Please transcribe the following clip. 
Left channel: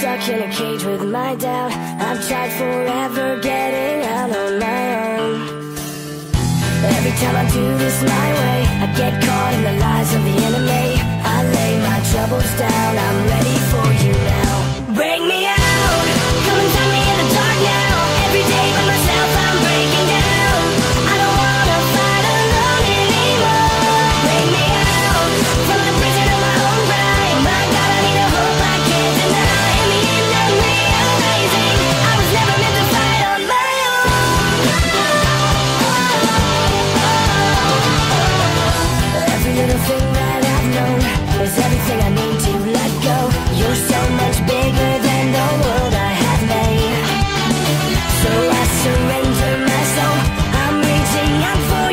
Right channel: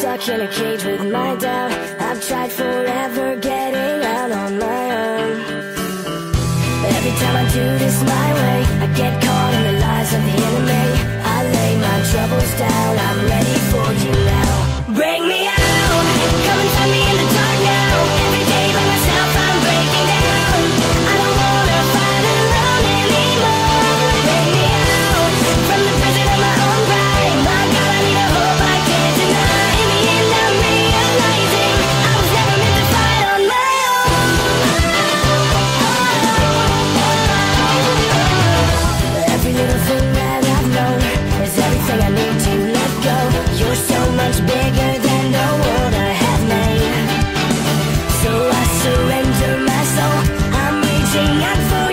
stuck in a cage with my doubt. I've tried forever getting out on my own. Every time I do this my way, I get caught in the lies of the enemy. I lay my troubles down, I'm ready for you now. Bring me out, come and find me in the dark now. Every day by myself I'm breaking down. I don't wanna fight alone anymore. Bring me out, from the prison of my own pride. My God, I need a hope I can't deny. In the end I'm realizing I was never meant to fight on my own. Every little thing that I've known is everything I need to let go. You're so much bigger than the world I have made. So I surrender my soul, I'm reaching out for